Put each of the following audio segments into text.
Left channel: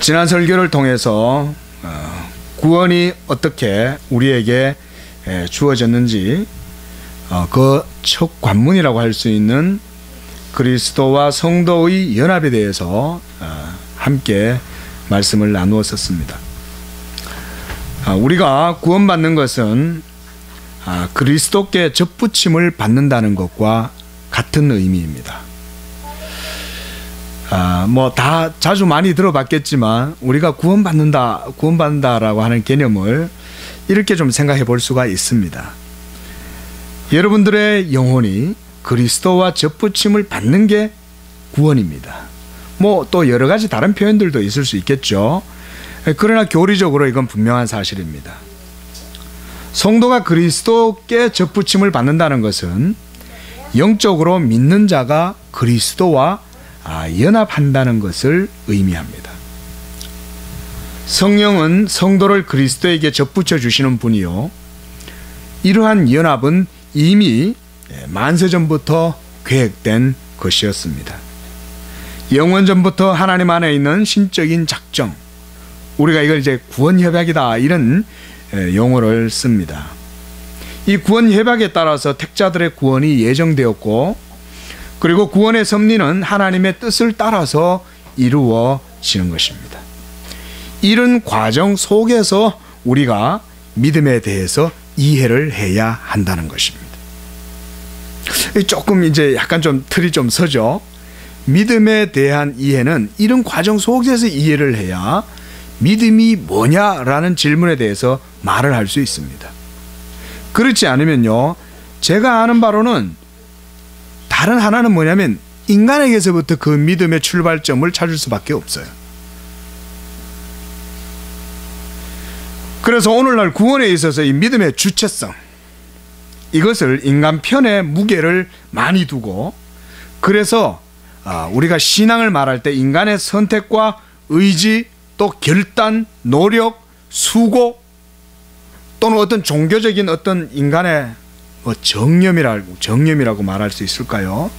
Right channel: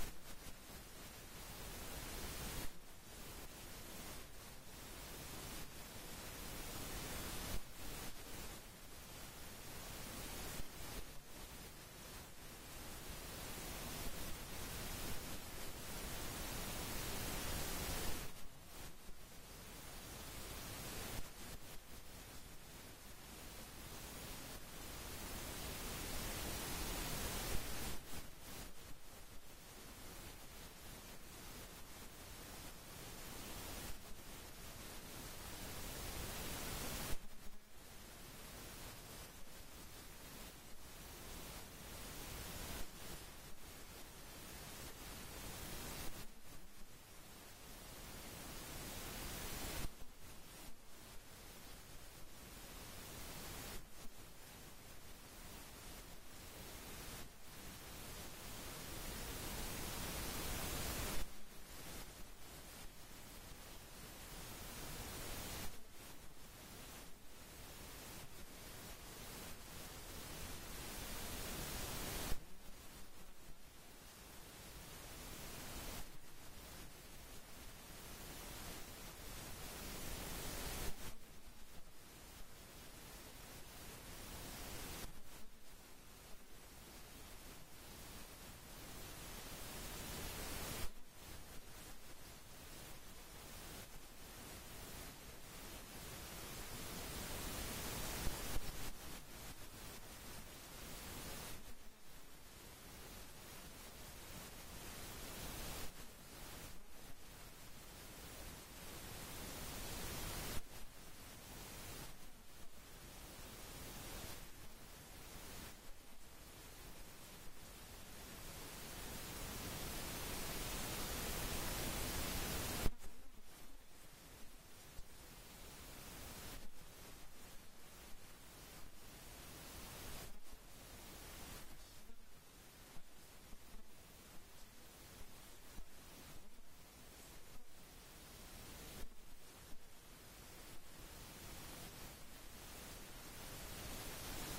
지난 설교를 통해서 구원이 어떻게 우리에게 주어졌는지 그 첫 관문이라고 할 수 있는 그리스도와 성도의 연합에 대해서 함께 말씀을 나누었었습니다. 우리가 구원받는 것은 그리스도께 접붙임을 받는다는 것과 같은 의미입니다. 다 자주 많이 들어봤겠지만 우리가 구원받는다라고 하는 개념을 이렇게 좀 생각해 볼 수가 있습니다. 여러분들의 영혼이 그리스도와 접붙임을 받는 게 구원입니다. 또 여러 가지 다른 표현들도 있을 수 있겠죠. 그러나 교리적으로 이건 분명한 사실입니다. 성도가 그리스도께 접붙임을 받는다는 것은 영적으로 믿는 자가 그리스도와 연합한다는 것을 의미합니다. 성령은 성도를 그리스도에게 접붙여 주시는 분이요, 이러한 연합은 이미 만세전부터 계획된 것이었습니다. 영원전부터 하나님 안에 있는 신적인 작정, 우리가 이걸 이제 구원협약이다 이런 용어를 씁니다. 이 구원협약에 따라서 택자들의 구원이 예정되었고, 그리고 구원의 섭리는 하나님의 뜻을 따라서 이루어지는 것입니다. 이런 과정 속에서 우리가 믿음에 대해서 이해를 해야 한다는 것입니다. 조금 이제 약간 좀 틀이 좀 서죠. 믿음에 대한 이해는 이런 과정 속에서 이해를 해야 믿음이 뭐냐라는 질문에 대해서 말을 할 수 있습니다. 그렇지 않으면요, 제가 아는 바로는 다른 하나는 뭐냐면 인간에게서부터 그 믿음의 출발점을 찾을 수밖에 없어요. 그래서 오늘날 구원에 있어서 이 믿음의 주체성, 이것을 인간 편에 무게를 많이 두고, 그래서 우리가 신앙을 말할 때 인간의 선택과 의지, 또 결단, 노력, 수고, 또는 어떤 종교적인 어떤 인간의 정념이라고 말할 수 있을까요?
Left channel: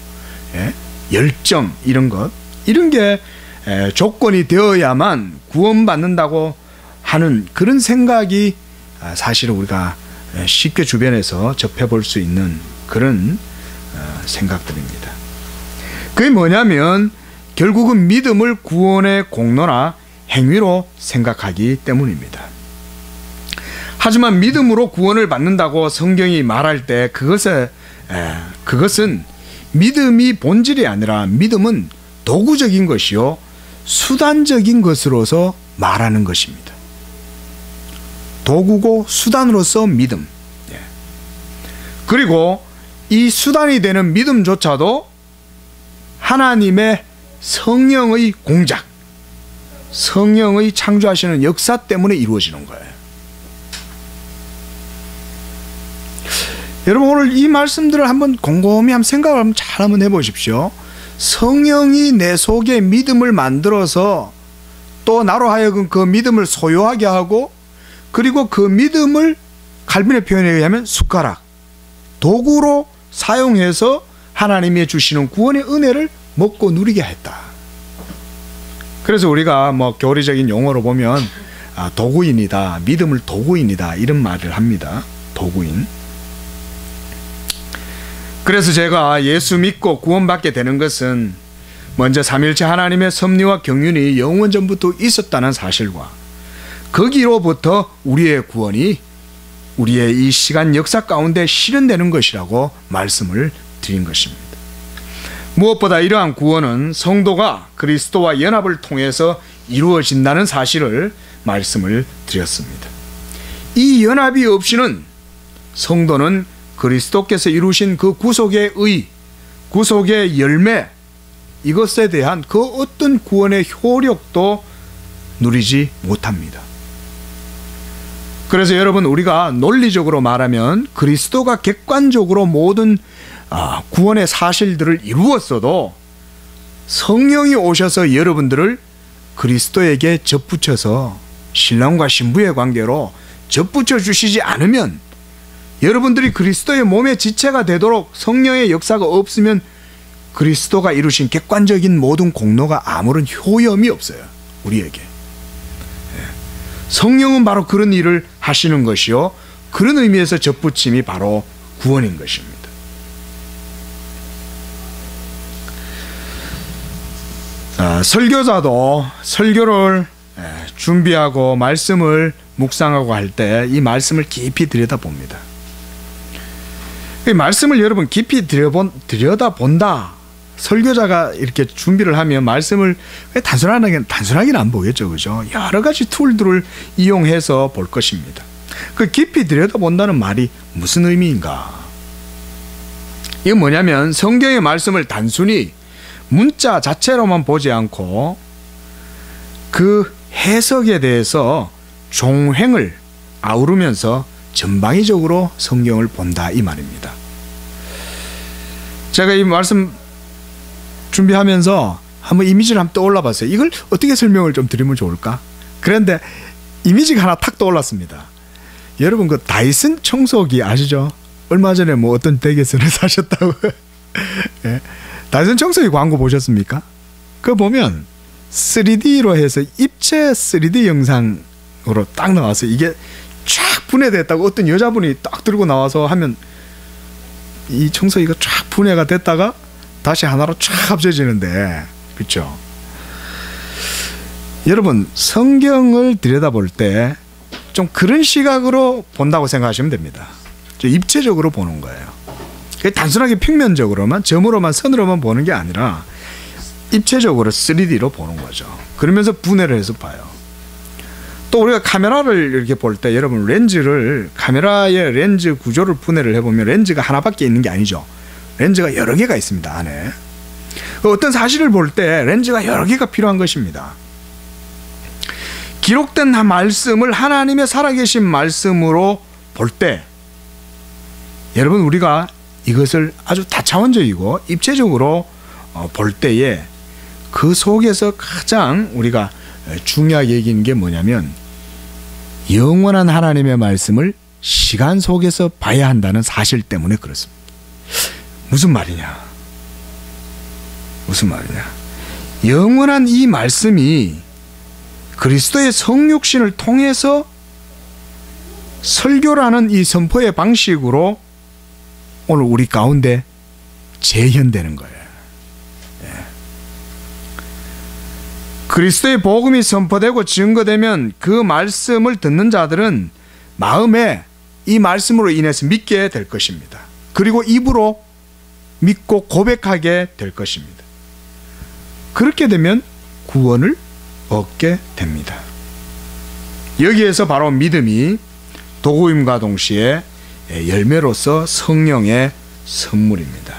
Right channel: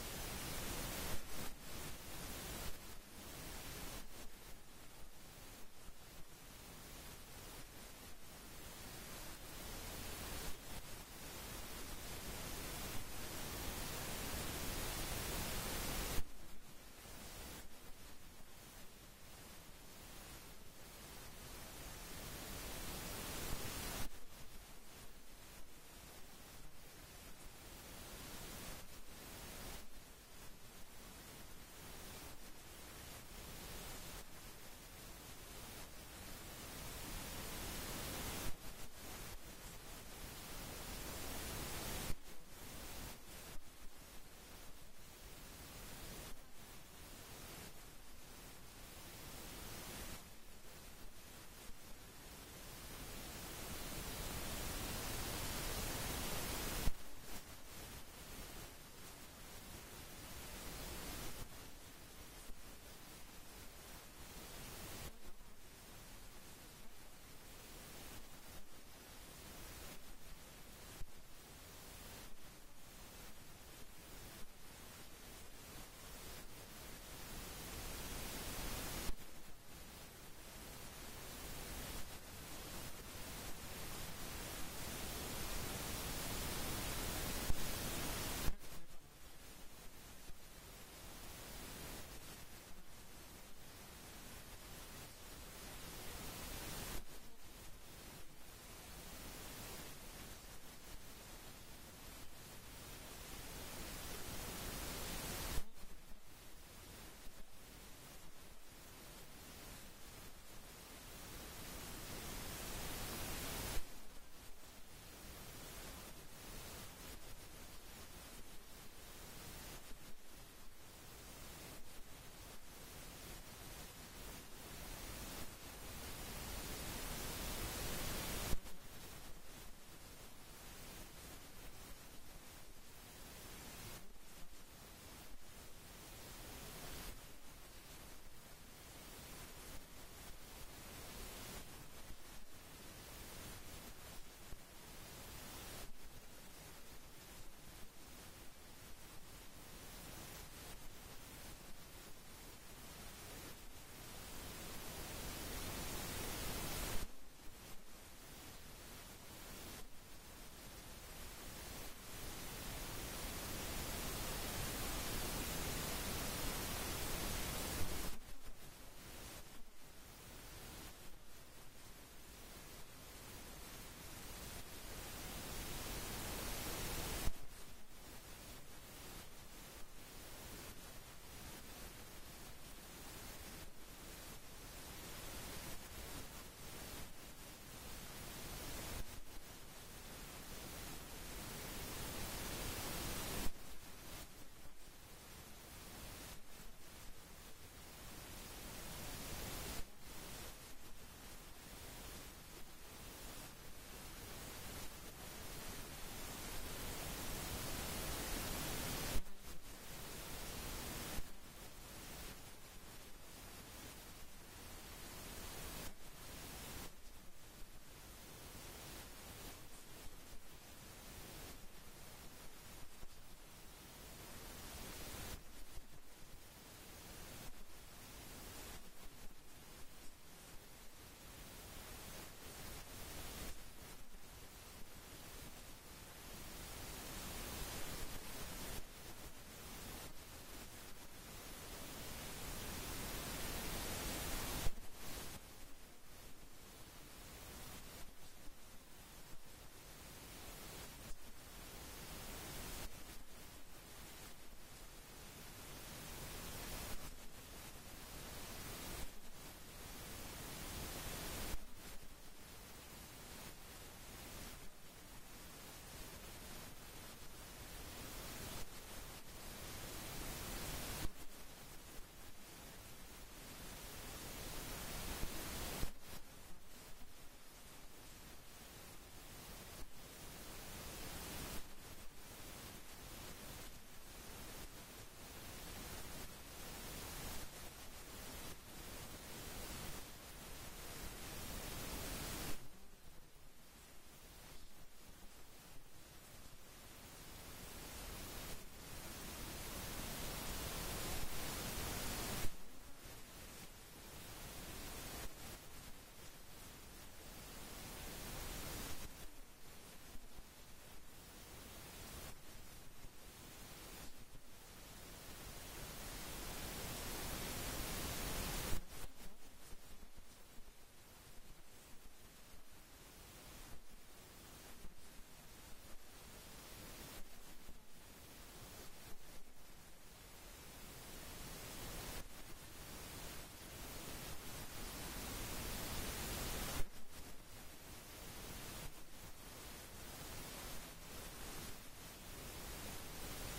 열정, 이런 게 조건이 되어야만 구원받는다고 하는 그런 생각이 사실은 우리가 쉽게 주변에서 접해볼 수 있는 그런 생각들입니다. 그게 뭐냐면 결국은 믿음을 구원의 공로나 행위로 생각하기 때문입니다. 하지만 믿음으로 구원을 받는다고 성경이 말할 때 그것은 믿음이 본질이 아니라 믿음은 도구적인 것이요, 수단적인 것으로서 말하는 것입니다. 도구고 수단으로서 믿음. 그리고 이 수단이 되는 믿음조차도 하나님의 성령의 공작, 성령의 창조하시는 역사 때문에 이루어지는 거예요. 여러분, 오늘 이 말씀들을 한번 곰곰이 생각을 잘 한번 해보십시오. 성령이 내 속에 믿음을 만들어서 또 나로 하여금 그 믿음을 소유하게 하고, 그리고 그 믿음을 칼빈의 표현에 의하면 숟가락, 도구로 사용해서 하나님이 주시는 구원의 은혜를 먹고 누리게 했다. 그래서 우리가 교리적인 용어로 보면 도구인이다, 믿음을 도구인이다, 이런 말을 합니다. 도구인. 그래서 제가 예수 믿고 구원받게 되는 것은 먼저 삼일체 하나님의 섭리와 경륜이 영원전부터 있었다는 사실과, 거기로부터 우리의 구원이 우리의 이 시간 역사 가운데 실현되는 것이라고 말씀을 드린 것입니다. 무엇보다 이러한 구원은 성도가 그리스도와 연합을 통해서 이루어진다는 사실을 말씀을 드렸습니다. 이 연합이 없이는 성도는 그리스도께서 이루신 그 구속의 의, 구속의 열매, 이것에 대한 그 어떤 구원의 효력도 누리지 못합니다. 그래서 여러분, 우리가 논리적으로 말하면 그리스도가 객관적으로 모든 구원의 사실들을 이루었어도 성령이 오셔서 여러분들을 그리스도에게 접붙여서 신랑과 신부의 관계로 접붙여 주시지 않으면, 여러분들이 그리스도의 몸의 지체가 되도록 성령의 역사가 없으면 그리스도가 이루신 객관적인 모든 공로가 아무런 효염이 없어요, 우리에게. 성령은 바로 그런 일을 하시는 것이요, 그런 의미에서 접붙임이 바로 구원인 것입니다. 설교자도 설교를 준비하고 말씀을 묵상하고 할 때 이 말씀을 깊이 들여다봅니다. 이 말씀을 여러분 깊이 들여다본다. 설교자가 이렇게 준비를 하면 말씀을 단순하게는 안 보겠죠, 그죠? 여러 가지 툴들을 이용해서 볼 것입니다. 그 깊이 들여다본다는 말이 무슨 의미인가? 이건 뭐냐면 성경의 말씀을 단순히 문자 자체로만 보지 않고 그 해석에 대해서 종횡을 아우르면서 전방위적으로 성경을 본다, 이 말입니다. 제가 이 말씀 준비하면서 한번 이미지를 한번 떠올라 봤어요. 이걸 어떻게 설명을 좀 드리면 좋을까? 그런데 이미지가 하나 탁 떠올랐습니다. 여러분 그 다이슨 청소기 아시죠? 얼마 전에 뭐 어떤 댁에서는 사셨다고. 예. 다이슨 청소기 광고 보셨습니까? 그거 보면 3D로 해서 입체 3D 영상으로 딱 나와서 이게 쫙 분해됐다고 어떤 여자분이 딱 들고 나와서 하면 이 청소기가 쫙 분해가 됐다가 다시 하나로 쫙 합쳐지는데, 그렇죠? 여러분 성경을 들여다볼 때 좀 그런 시각으로 본다고 생각하시면 됩니다. 입체적으로 보는 거예요. 단순하게 평면적으로만 점으로만 선으로만 보는 게 아니라 입체적으로 3D로 보는 거죠. 그러면서 분해를 해서 봐요. 또 우리가 카메라를 이렇게 볼 때 여러분 카메라의 렌즈 구조를 분해를 해보면 렌즈가 하나밖에 있는 게 아니죠. 렌즈가 여러 개가 있습니다, 안에. 어떤 사실을 볼 때 렌즈가 여러 개가 필요한 것입니다. 기록된 말씀을 하나님의 살아계신 말씀으로 볼 때 여러분 우리가 이것을 아주 다차원적이고 입체적으로 볼 때에 그 속에서 가장 우리가 중요하게 여기는 게 뭐냐면 영원한 하나님의 말씀을 시간 속에서 봐야 한다는 사실 때문에 그렇습니다. 무슨 말이냐? 영원한 이 말씀이 그리스도의 성육신을 통해서 설교라는 이 선포의 방식으로 오늘 우리 가운데 재현되는 거예요. 그리스도의 복음이 선포되고 증거되면 그 말씀을 듣는 자들은 마음에 이 말씀으로 인해서 믿게 될 것입니다. 그리고 입으로 믿고 고백하게 될 것입니다. 그렇게 되면 구원을 얻게 됩니다. 여기에서 바로 믿음이 도구임과 동시에 열매로서 성령의 선물입니다.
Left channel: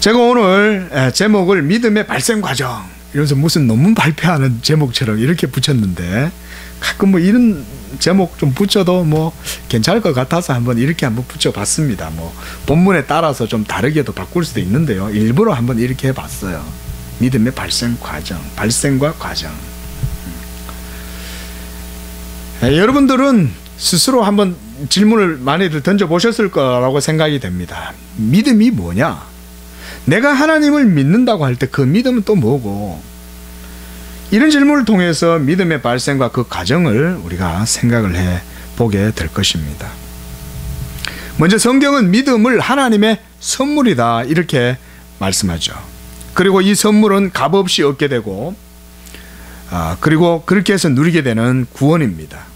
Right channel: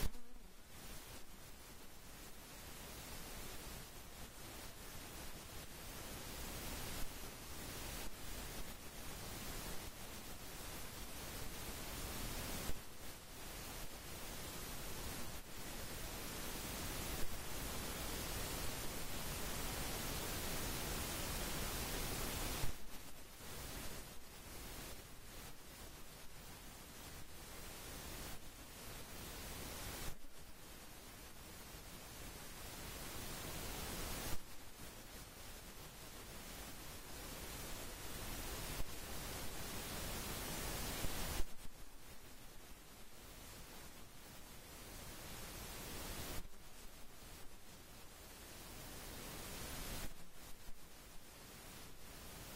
제가 오늘 제목을 믿음의 발생 과정 이러면서 무슨 논문 발표하는 제목처럼 이렇게 붙였는데 가끔 뭐 이런 제목 좀 붙여도 뭐 괜찮을 것 같아서 이렇게 한번 붙여봤습니다. 뭐 본문에 따라서 좀 다르게도 바꿀 수도 있는데요. 일부러 한번 이렇게 해봤어요. 믿음의 발생 과정, 발생과 과정. 여러분들은 스스로 한번 질문을 많이들 던져보셨을 거라고 생각이 됩니다. 믿음이 뭐냐? 내가 하나님을 믿는다고 할 때 그 믿음은 또 뭐고? 이런 질문을 통해서 믿음의 발생과 그 과정을 우리가 생각을 해보게 될 것입니다. 먼저 성경은 믿음을 하나님의 선물이다 이렇게 말씀하죠. 그리고 이 선물은 값없이 얻게 되고 그리고 그렇게 해서 누리게 되는 구원입니다.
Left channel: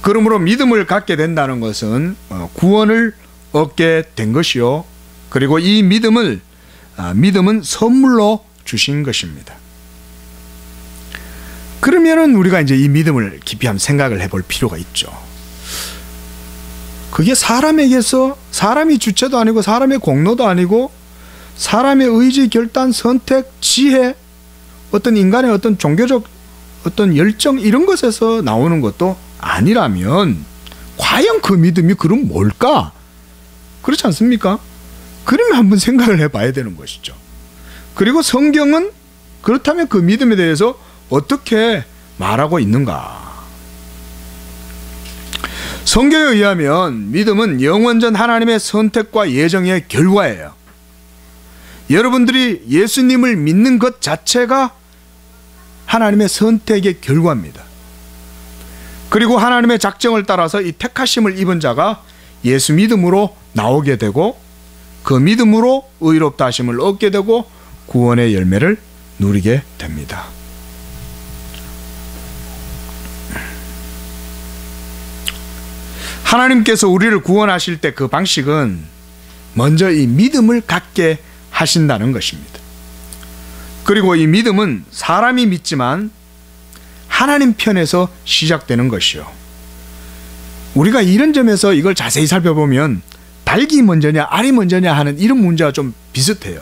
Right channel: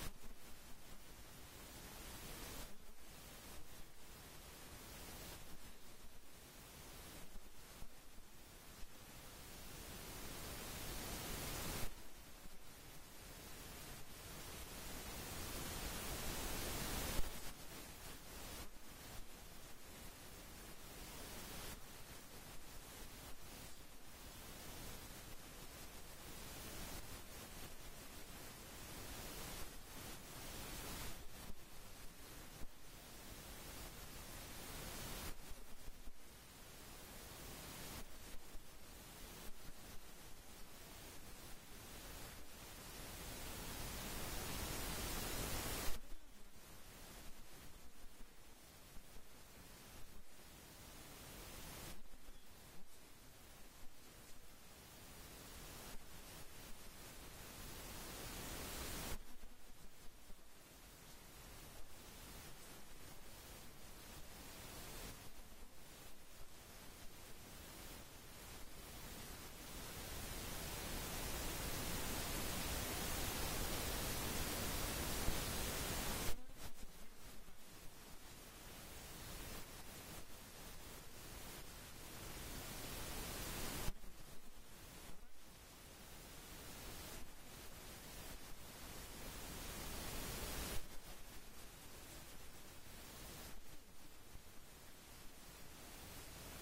그러므로 믿음을 갖게 된다는 것은 구원을 얻게 된 것이요. 그리고 이 믿음은 선물로 주신 것입니다. 그러면은 우리가 이제 이 믿음을 깊이 한번 생각을 해볼 필요가 있죠. 그게 사람에게서 사람이 주체도 아니고 사람의 공로도 아니고 사람의 의지, 결단, 선택, 지혜, 어떤 인간의 어떤 종교적 어떤 열정 이런 것에서 나오는 것도 아니라면 과연 그 믿음이 그럼 뭘까? 그렇지 않습니까? 그러면 한번 생각을 해봐야 되는 것이죠. 그리고 성경은 그렇다면 그 믿음에 대해서 어떻게 말하고 있는가? 성경에 의하면 믿음은 영원전 하나님의 선택과 예정의 결과예요. 여러분들이 예수님을 믿는 것 자체가 하나님의 선택의 결과입니다. 그리고 하나님의 작정을 따라서 이 택하심을 입은 자가 예수 믿음으로 나오게 되고 그 믿음으로 의롭다 하심을 얻게 되고 구원의 열매를 누리게 됩니다. 하나님께서 우리를 구원하실 때 그 방식은 먼저 이 믿음을 갖게 하신다는 것입니다. 그리고 이 믿음은 사람이 믿지만 하나님 편에서 시작되는 것이요. 우리가 이런 점에서 이걸 자세히 살펴보면 닭이 먼저냐 알이 먼저냐 하는 이런 문제와 좀 비슷해요.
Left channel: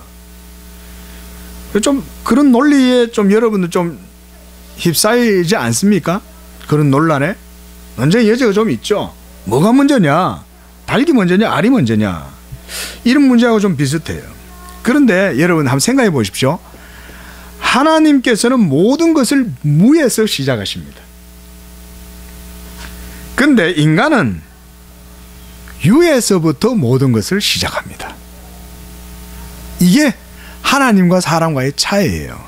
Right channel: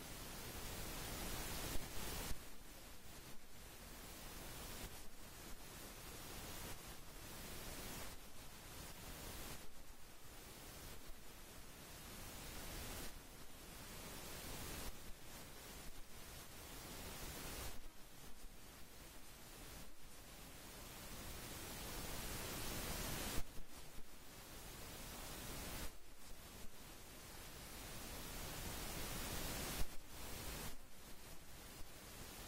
좀 그런 논리에 좀 여러분들 좀 휩싸이지 않습니까? 그런 논란에 논쟁의 여지가 좀 있죠. 뭐가 먼저냐, 닭이 먼저냐 알이 먼저냐, 이런 문제하고 좀 비슷해요. 그런데 여러분 한번 생각해 보십시오. 하나님께서는 모든 것을 무에서 시작하십니다. 근데 인간은 유에서부터 모든 것을 시작합니다. 이게 하나님과 사람과의 차이예요.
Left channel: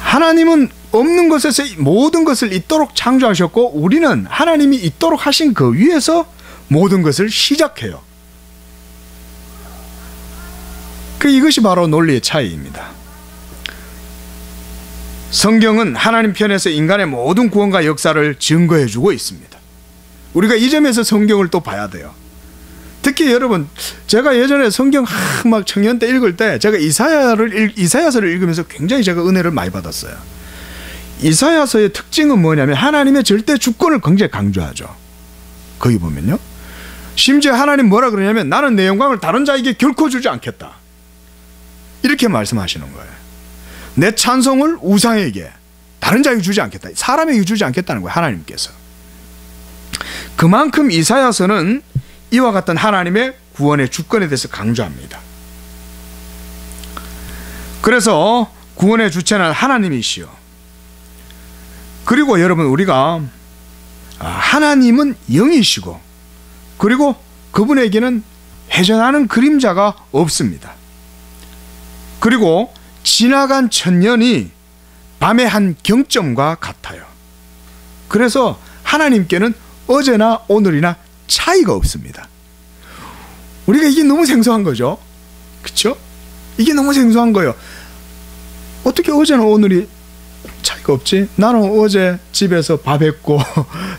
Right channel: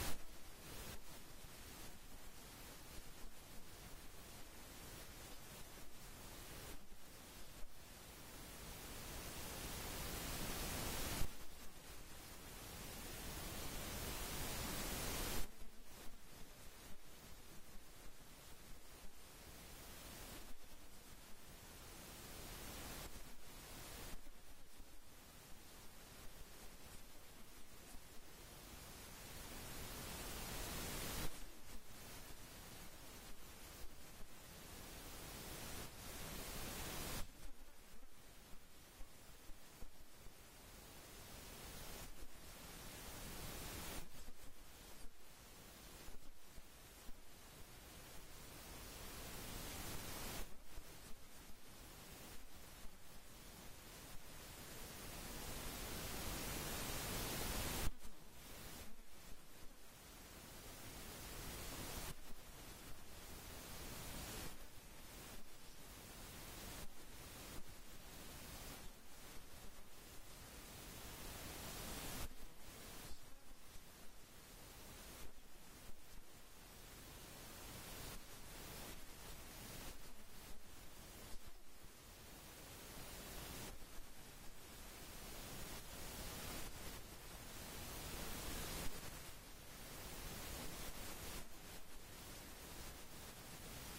하나님은 없는 것에서 모든 것을 있도록 창조하셨고 우리는 하나님이 있도록 하신 그 위에서 모든 것을 시작해요. 이것이 바로 논리의 차이입니다. 성경은 하나님 편에서 인간의 모든 구원과 역사를 증거해 주고 있습니다. 우리가 이 점에서 성경을 또 봐야 돼요. 특히 여러분, 제가 예전에 성경 막 청년 때 읽을 때 제가 이사야서를 읽으면서 굉장히 제가 은혜를 많이 받았어요. 이사야서의 특징은 뭐냐면 하나님의 절대 주권을 굉장히 강조하죠. 거기 보면요, 심지어 하나님 뭐라 그러냐면 나는 내 영광을 다른 자에게 결코 주지 않겠다, 이렇게 말씀하시는 거예요. 내 찬송을 우상에게, 다른 자에게 주지 않겠다, 사람에게 주지 않겠다는 거예요, 하나님께서. 그만큼 이사야서는 이와 같은 하나님의 구원의 주권에 대해서 강조합니다. 그래서 구원의 주체는 하나님이시요. 그리고 여러분, 우리가 하나님은 영이시고 그리고 그분에게는 회전하는 그림자가 없습니다. 그리고 지나간 천년이 밤의 한 경점과 같아요. 그래서 하나님께는 어제나 오늘이나 차이가 없습니다. 우리가 이게 너무 생소한 거죠. 그렇죠? 이게 너무 생소한 거예요. 어떻게 어제나 오늘이 차이가 없지? 나는 어제 집에서 밥했고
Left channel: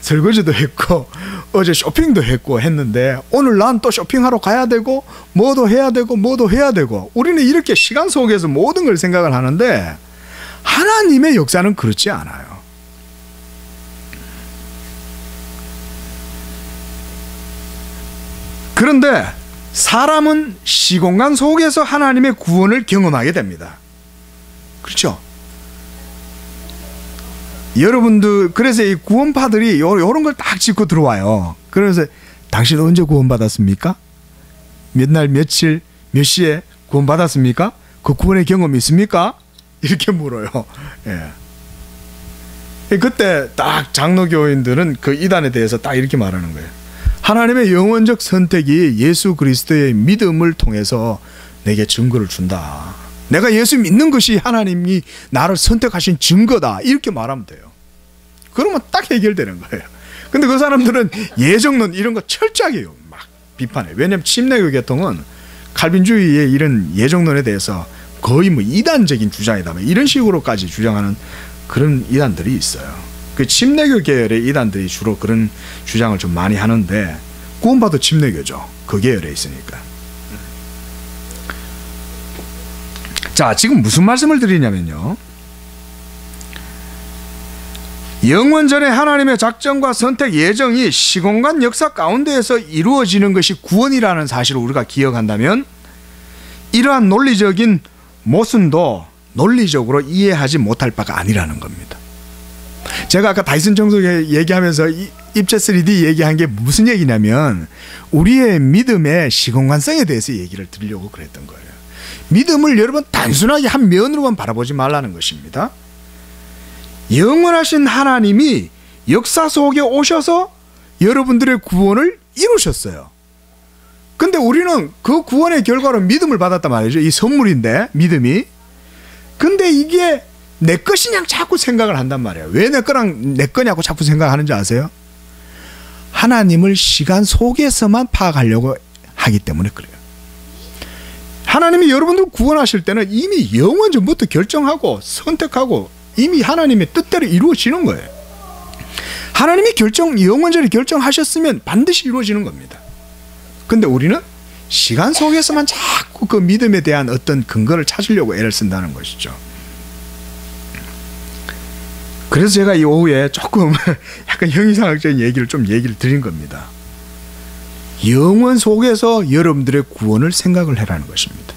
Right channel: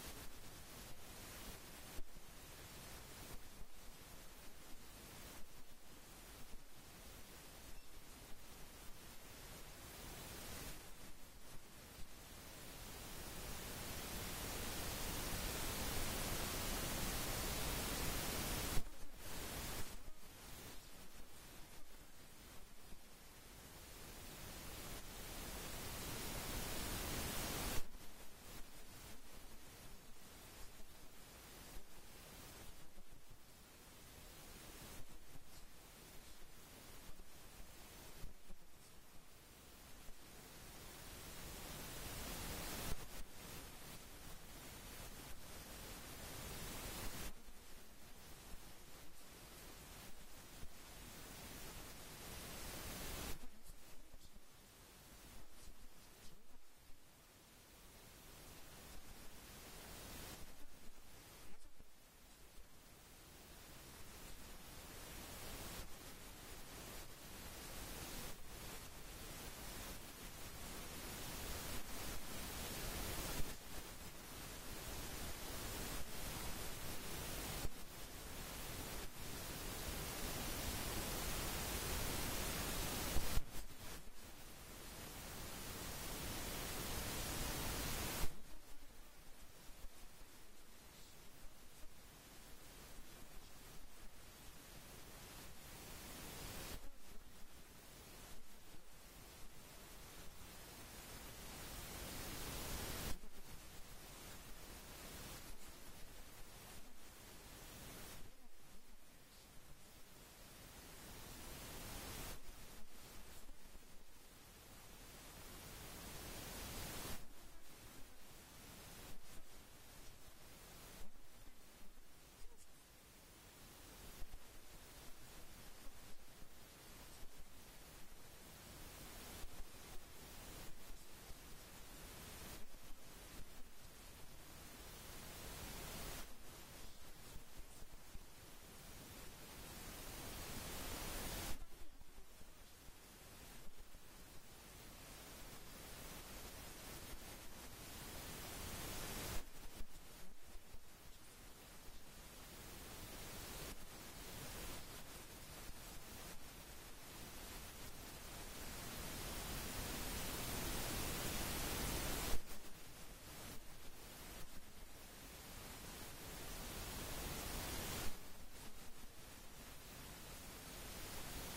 설거지도 했고 어제 쇼핑도 했고 했는데 오늘 난 또 쇼핑하러 가야 되고 뭐도 해야 되고 뭐도 해야 되고, 우리는 이렇게 시간 속에서 모든 걸 생각을 하는데 하나님의 역사는 그렇지 않아요. 그런데 사람은 시공간 속에서 하나님의 구원을 경험하게 됩니다. 그렇죠? 여러분들, 그래서 이 구원파들이 이런 걸 딱 짚고 들어와요. 그래서 당신 언제 구원받았습니까? 몇 날 며칠 몇 시에 구원받았습니까? 그 구원의 경험이 있습니까? 이렇게 물어요. 예. 그때 딱 장로교인들은 그 이단에 대해서 딱 이렇게 말하는 거예요. 하나님의 영원적 선택이 예수 그리스도의 믿음을 통해서 내게 증거를 준다. 내가 예수 믿는 것이 하나님이 나를 선택하신 증거다, 이렇게 말하면 돼요. 그러면 딱 해결되는 거예요. 근데 그 사람들은 예정론 이런 거 철저하게 막 비판해요. 왜냐하면 침례교 계통은 칼빈주의의 이런 예정론에 대해서 거의 뭐 이단적인 주장이다, 이런 식으로까지 주장하는 그런 이단들이 있어요. 그 침례교 계열의 이단들이 주로 그런 주장을 좀 많이 하는데, 구원파도 침례교죠. 그 계열에 있으니까. 자, 지금 무슨 말씀을 드리냐면요, 영원전에 하나님의 작정과 선택 예정이 시공간 역사 가운데에서 이루어지는 것이 구원이라는 사실을 우리가 기억한다면 이러한 논리적인 모순도 논리적으로 이해하지 못할 바가 아니라는 겁니다. 제가 아까 다이슨 청소기 얘기하면서 입체 3D 얘기한 게 무슨 얘기냐면 우리의 믿음의 시공간성에 대해서 얘기를 드리려고 그랬던 거예요. 믿음을 여러분 단순하게 한 면으로만 바라보지 말라는 것입니다. 영원하신 하나님이 역사 속에 오셔서 여러분들의 구원을 이루셨어요. 근데 우리는 그 구원의 결과로 믿음을 받았단 말이죠. 이 선물인데, 믿음이. 근데 이게 내 것이냐 자꾸 생각을 한단 말이에요. 왜 내 거냐고 자꾸 생각하는지 아세요? 하나님을 시간 속에서만 파악하려고 하기 때문에 그래요. 하나님이 여러분들 구원하실 때는 이미 영원 전부터 결정하고 선택하고 이미 하나님의 뜻대로 이루어지는 거예요. 하나님이 영원전에 결정하셨으면 반드시 이루어지는 겁니다. 근데 우리는 시간 속에서만 자꾸 그 믿음에 대한 어떤 근거를 찾으려고 애를 쓴다는 것이죠. 그래서 제가 이 오후에 조금 약간 형이상학적인 얘기를 드린 겁니다. 영원 속에서 여러분들의 구원을 생각을 해라는 것입니다.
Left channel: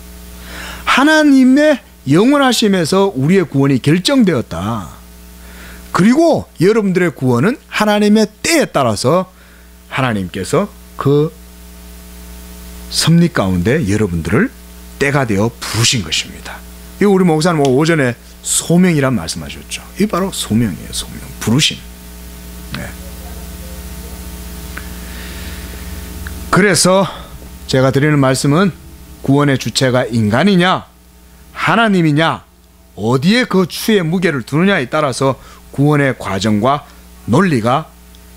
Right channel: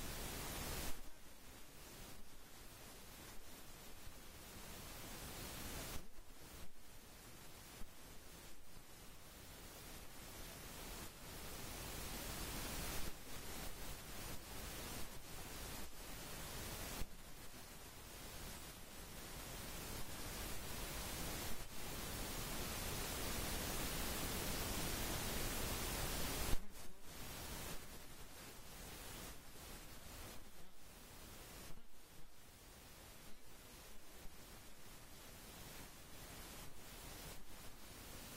하나님의 영원하심에서 우리의 구원이 결정되었다. 그리고 여러분들의 구원은 하나님의 때에 따라서 하나님께서 그 섭리 가운데 여러분들을 때가 되어 부르신 것입니다. 이거 우리 목사님 오전에 소명이란 말씀하셨죠. 이게 바로 소명이에요. 소명, 부르심. 네. 그래서 제가 드리는 말씀은 구원의 주체가 인간이냐 하나님이냐 어디에 그 추의 무게를 두느냐에 따라서 구원의 과정과 논리가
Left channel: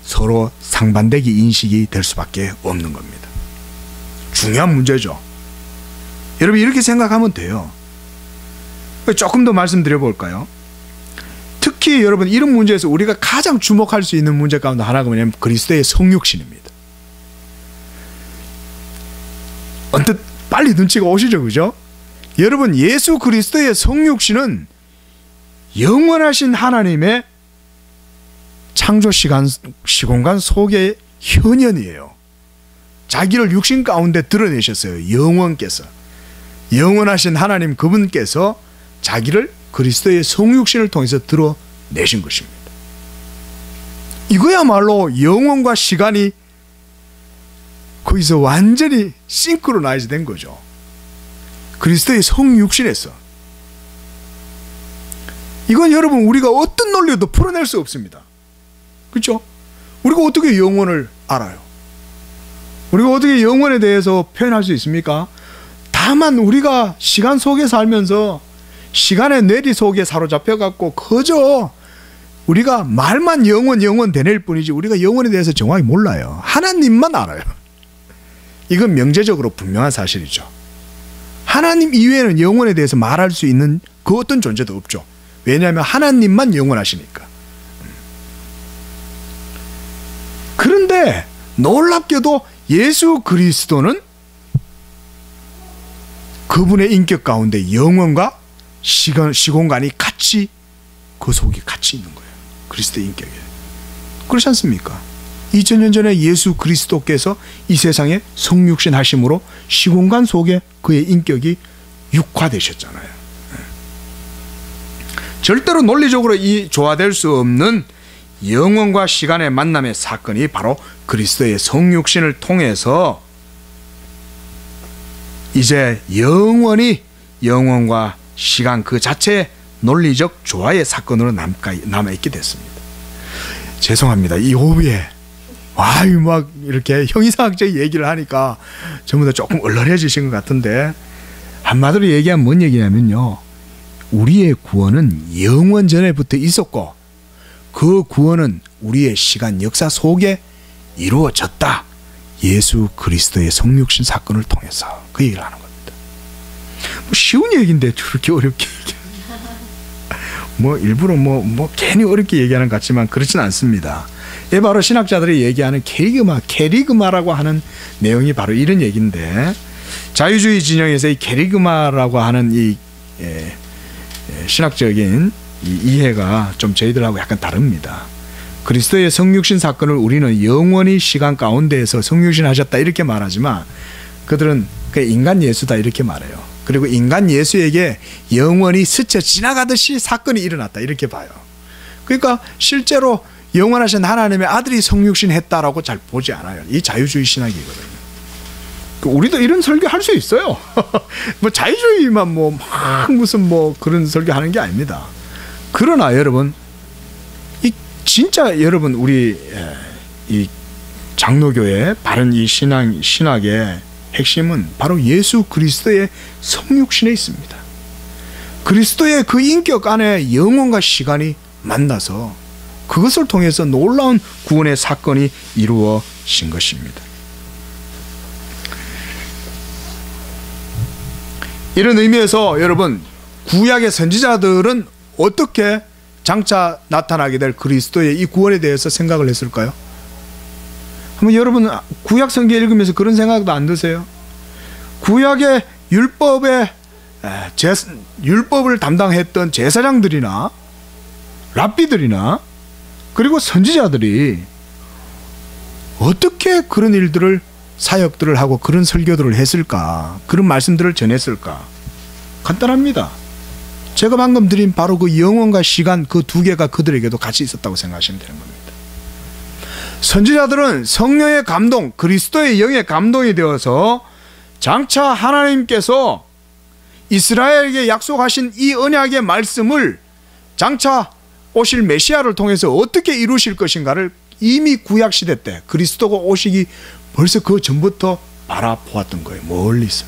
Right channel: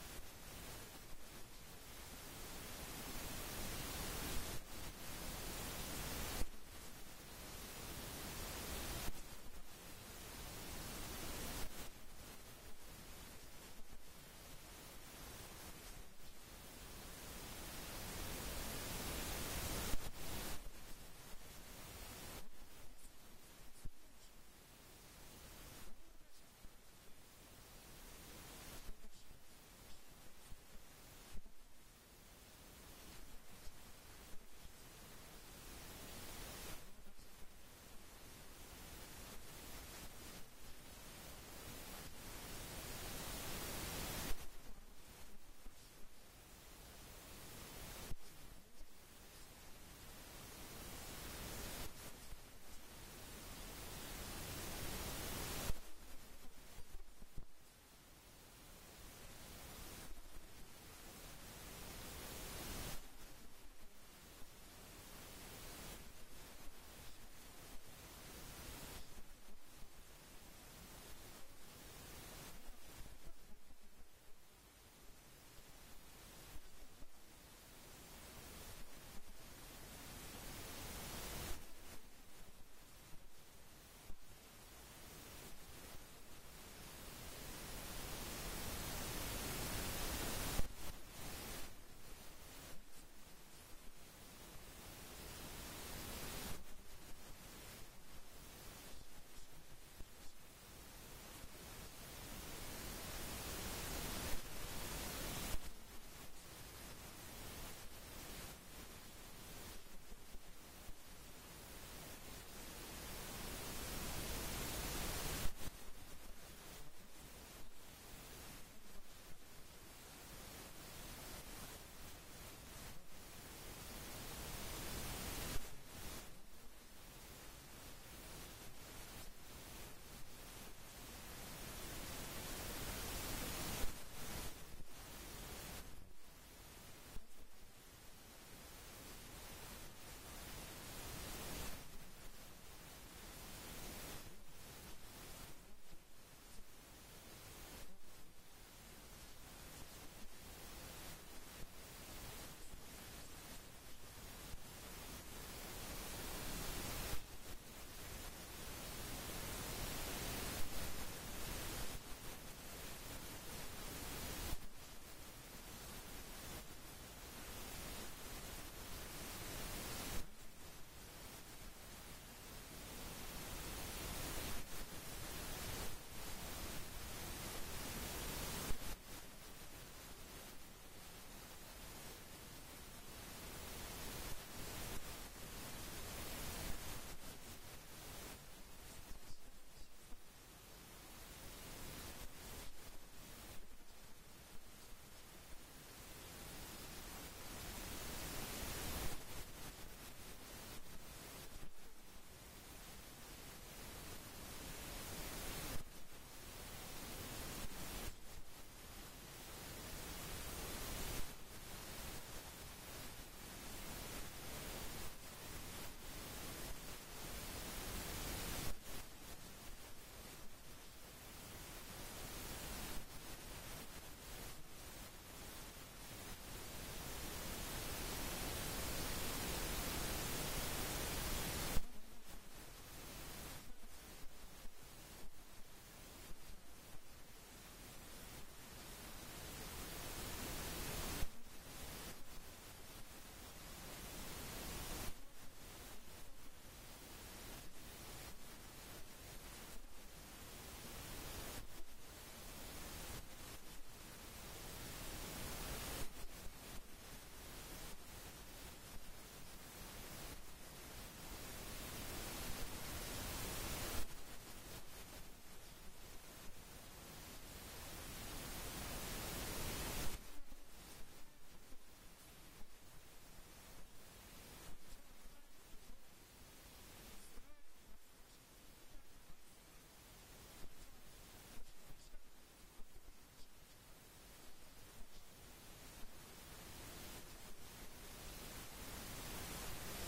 서로 상반되기 인식이 될 수밖에 없는 겁니다. 중요한 문제죠. 여러분 이렇게 생각하면 돼요. 조금 더 말씀드려 볼까요? 특히 여러분 이런 문제에서 우리가 가장 주목할 수 있는 문제 가운데 하나가 뭐냐면 그리스도의 성육신입니다. 언뜻 빨리 눈치가 오시죠, 그죠? 여러분 예수 그리스도의 성육신은 영원하신 하나님의 창조 시공간 속의 현현이에요. 자기를 육신 가운데 드러내셨어요. 영원께서. 영원하신 하나님 그분께서 자기를 그리스도의 성육신을 통해서 드러내신 것입니다. 이거야말로 영원과 시간이 거기서 완전히 싱크로나이즈 된 거죠. 그리스도의 성육신에서. 이건 여러분 우리가 어떤 논리도 풀어낼 수 없습니다. 그렇죠? 우리가 어떻게 영원을 알아요? 우리가 어떻게 영원에 대해서 표현할 수 있습니까? 다만 우리가 시간 속에 살면서 시간의 뇌리 속에 사로잡혀갖고 그저 우리가 말만 영원 되낼 뿐이지 우리가 영원에 대해서 정확히 몰라요. 하나님만 알아요. 이건 명제적으로 분명한 사실이죠. 하나님 이외에는 영원에 대해서 말할 수 있는 그 어떤 존재도 없죠. 왜냐하면 하나님만 영원하시니까. 그런데 놀랍게도 예수 그리스도는 그분의 인격 가운데 영원과 시공간이 같이 그 속에 같이 있는 거예요. 그리스도의 인격에. 그렇지 않습니까? 2000년 전에 예수 그리스도께서 이 세상에 성육신 하심으로 시공간 속에 그의 인격이 육화되셨잖아요. 절대로 논리적으로 조화될 수 없는 영원과 시간의 만남의 사건이 바로 그리스도의 성육신을 통해서 이제 영원히 영원과 시간 그 자체의 논리적 조화의 사건으로 남아있게 됐습니다. 죄송합니다. 이 오후에 막 이렇게 형이상학적 얘기를 하니까 전부 다 조금 얼얼해지신 것 같은데 한마디로 얘기하면 뭔 얘기냐면요. 우리의 구원은 영원 전에부터 있었고 그 구원은 우리의 시간 역사 속에 이루어졌다. 예수 그리스도의 성육신 사건을 통해서 그 얘기를 하는 겁니다. 뭐 쉬운 얘기인데 저렇게 어렵게 뭐 일부러 뭐 괜히 어렵게 얘기하는 것 같지만 그렇진 않습니다. 이 바로 신학자들이 얘기하는 케리그마라고 하는 내용이 바로 이런 얘기인데 자유주의 진영에서 이 케리그마라고 하는 이 신학적인 이 이해가 좀 저희들하고 약간 다릅니다. 그리스도의 성육신 사건을 우리는 영원히 시간 가운데에서 성육신 하셨다 이렇게 말하지만 그들은 그 인간 예수다 이렇게 말해요. 그리고 인간 예수에게 영원히 스쳐 지나가듯이 사건이 일어났다 이렇게 봐요. 그러니까 실제로 영원하신 하나님의 아들이 성육신 했다라고 잘 보지 않아요. 이 자유주의 신학이거든요. 우리도 이런 설교 할 수 있어요. 뭐 자유주의만 막 무슨 그런 설교 하는 게 아닙니다. 그러나 여러분 진짜 여러분 우리 이 장로교의 바른 이 신학의 핵심은 바로 예수 그리스도의 성육신에 있습니다. 그리스도의 그 인격 안에 영혼과 시간이 만나서 그것을 통해서 놀라운 구원의 사건이 이루어진 것입니다. 이런 의미에서 여러분, 구약의 선지자들은 어떻게 장차 나타나게 될 그리스도의 이 구원에 대해서 생각을 했을까요? 한번 여러분 구약 성경 읽으면서 그런 생각도 안 드세요? 구약의 율법을 담당했던 제사장들이나 랍비들이나 그리고 선지자들이 어떻게 그런 일들을, 사역들을 하고 그런 설교들을 했을까, 그런 말씀들을 전했을까? 간단합니다. 제가 방금 드린 바로 그 영혼과 시간, 그 두 개가 그들에게도 같이 있었다고 생각하시면 되는 겁니다. 선지자들은 성령의 감동, 그리스도의 영의 감동이 되어서 장차 하나님께서 이스라엘에게 약속하신 이 언약의 말씀을 장차 오실 메시아를 통해서 어떻게 이루실 것인가를 이미 구약시대 때 그리스도가 오시기 벌써 그 전부터 바라보았던 거예요. 멀리서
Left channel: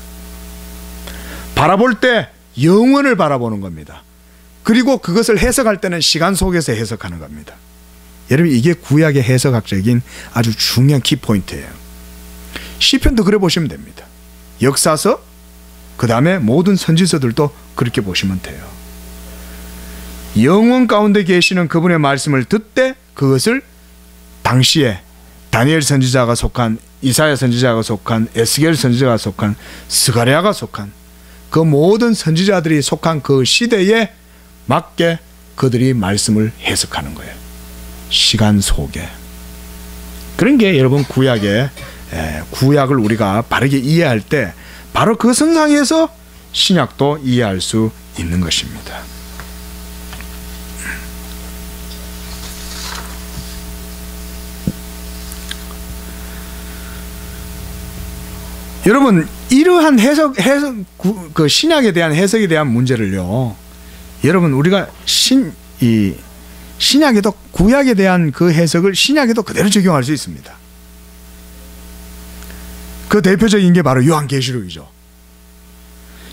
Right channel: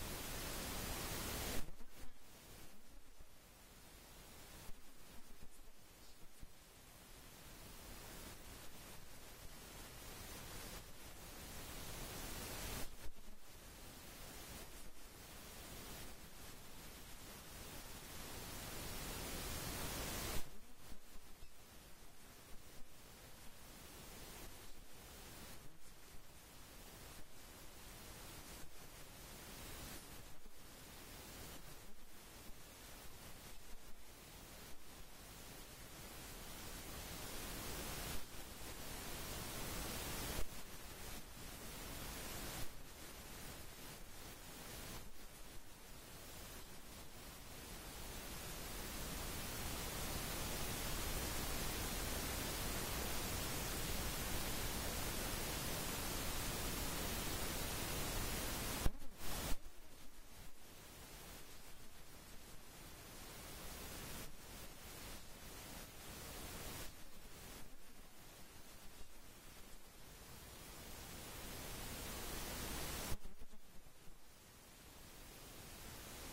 바라볼 때 영원을 바라보는 겁니다. 그리고 그것을 해석할 때는 시간 속에서 해석하는 겁니다. 여러분, 이게 구약의 해석학적인 아주 중요한 키포인트예요. 시편도 그래 보시면 됩니다. 역사서, 그 다음에 모든 선지서들도 그렇게 보시면 돼요. 영원 가운데 계시는 그분의 말씀을 듣되 그것을 당시에 다니엘 선지자가 속한, 이사야 선지자가 속한, 에스겔 선지자가 속한, 스가랴가 속한 그 모든 선지자들이 속한 그 시대에 맞게 그들이 말씀을 해석하는 거예요. 시간 속에. 그런 게 여러분 구약을 우리가 바르게 이해할 때 바로 그 선상에서 신약도 이해할 수 있는 것입니다. 여러분, 이러한 그 신약에 대한 해석에 대한 문제를요, 여러분 우리가 신약에도, 구약에 대한 그 해석을 신약에도 그대로 적용할 수 있습니다. 그 대표적인 게 바로 요한계시록이죠.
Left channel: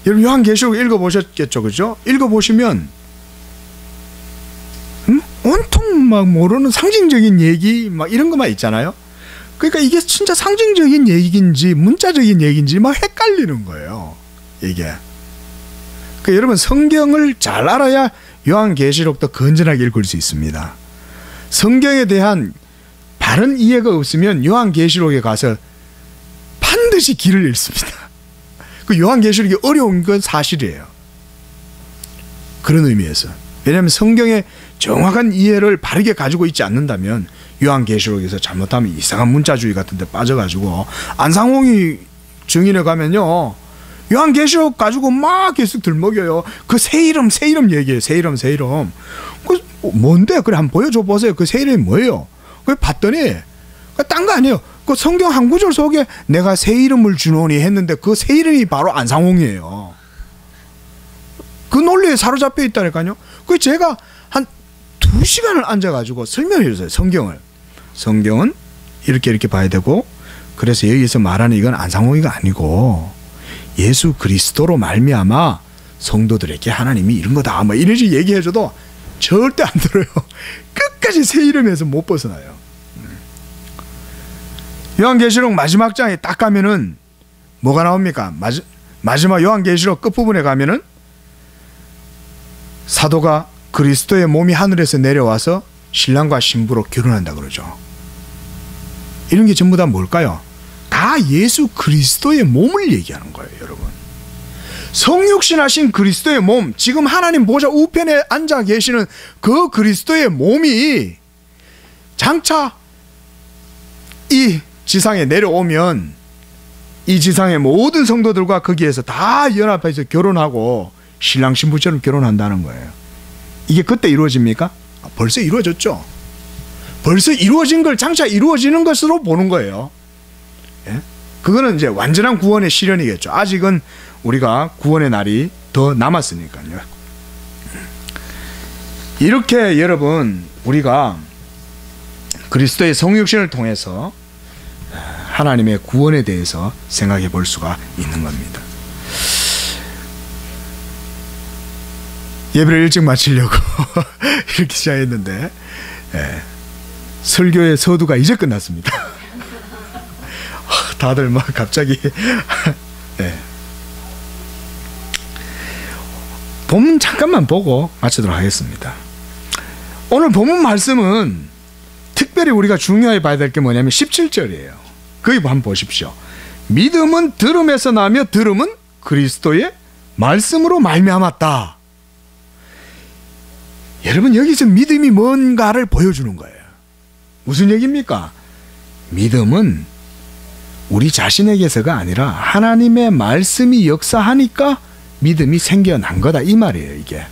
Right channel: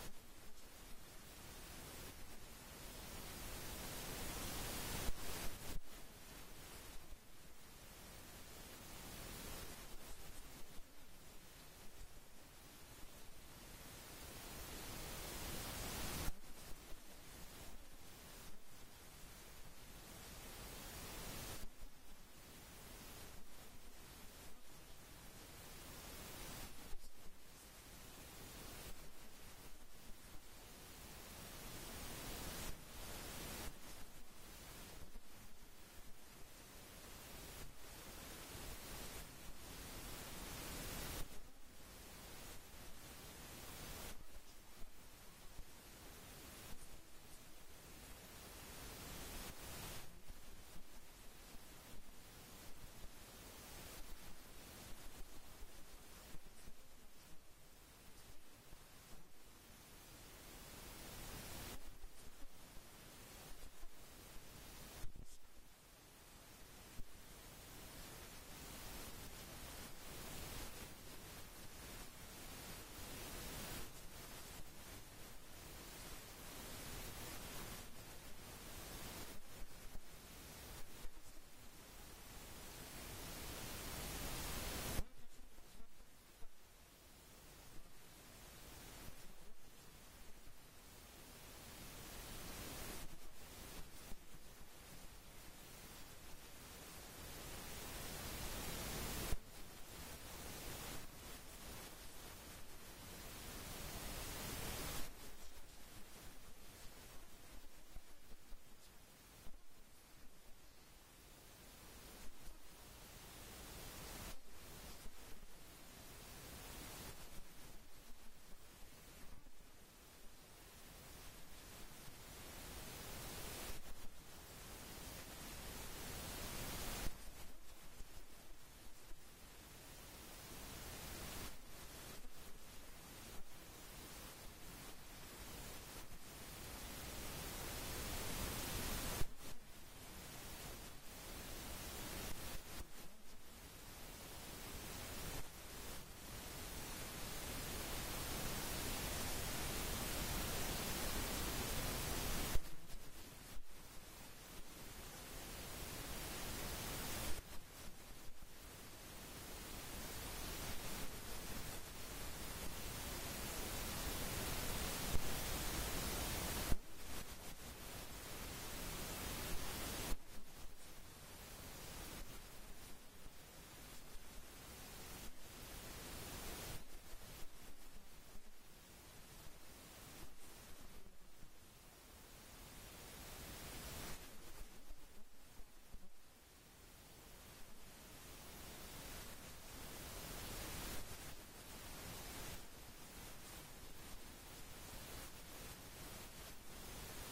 여러분 요한계시록 읽어보셨겠죠, 그죠? 읽어보시면 온통 막 모르는 상징적인 얘기 막 이런 것만 있잖아요. 그러니까 이게 진짜 상징적인 얘기인지 문자적인 얘기인지 막 헷갈리는 거예요, 이게. 그러니까 여러분 성경을 잘 알아야 요한계시록도 건전하게 읽을 수 있습니다. 성경에 대한 바른 이해가 없으면 요한계시록에 가서 반드시 길을 잃습니다. 그 요한계시록이 어려운 건 사실이에요. 그런 의미에서. 왜냐하면 성경의 정확한 이해를 바르게 가지고 있지 않는다면 요한계시록에서 잘못하면 이상한 문자주의 같은 데 빠져가지고, 안상홍이 증인에 가면요 요한계시록 가지고 막 계속 들먹여요. 그 새 이름 얘기해요. 새 이름. 그 뭔데? 그래 한번 보여줘 보세요. 그 새 이름이 뭐예요? 그래 봤더니 딴 거 아니에요. 그 성경 한 구절 속에 내가 새 이름을 주노니 했는데 그 새 이름이 바로 안상홍이에요. 그 논리에 사로잡혀 있다니까요. 그 제가 한 2시간을 앉아가지고 설명해 줬어요. 성경은 이렇게 봐야 되고, 그래서 여기서 말하는 이건 안상홍이가 아니고 예수 그리스도로 말미암아 성도들에게 하나님이 이런 거다, 뭐 이러지 얘기해줘도 절대 안 들어요. 끝까지 새 이름에서 못 벗어나요. 요한계시록 마지막 장에 딱 가면은 뭐가 나옵니까? 마지막 요한계시록 끝부분에 가면은 사도가 그리스도의 몸이 하늘에서 내려와서 신랑과 신부로 결혼한다 그러죠. 이런 게 전부 다 뭘까요? 다 예수 그리스도의 몸을 얘기하는 거예요, 여러분. 성육신하신 그리스도의 몸, 지금 하나님 보좌 우편에 앉아 계시는 그 그리스도의 몸이 장차 이 지상에 내려오면 이 지상의 모든 성도들과 거기에서 다 연합해서 결혼하고 신랑 신부처럼 결혼한다는 거예요. 이게 그때 이루어집니까? 벌써 이루어졌죠. 벌써 이루어진 걸 장차 이루어지는 것으로 보는 거예요. 예? 그거는 이제 완전한 구원의 실현이겠죠. 아직은 우리가 구원의 날이 더 남았으니까요. 이렇게 여러분 우리가 그리스도의 성육신을 통해서 하나님의 구원에 대해서 생각해 볼 수가 있는 겁니다. 예배를 일찍 마치려고 이렇게 시작했는데 설교의 서두가 이제 끝났습니다. 다들 막 갑자기 본문 잠깐만 보고 마치도록 하겠습니다. 오늘 본문 말씀은 특별히 우리가 중요하게 봐야 될 게 뭐냐면 17절이에요. 거기 한번 보십시오. 믿음은 들음에서 나며 들음은 그리스도의 말씀으로 말미암았다. 여러분, 여기서 믿음이 뭔가를 보여주는 거예요. 무슨 얘기입니까? 믿음은 우리 자신에게서가 아니라 하나님의 말씀이 역사하니까 믿음이 생겨난 거다, 이 말이에요. 이게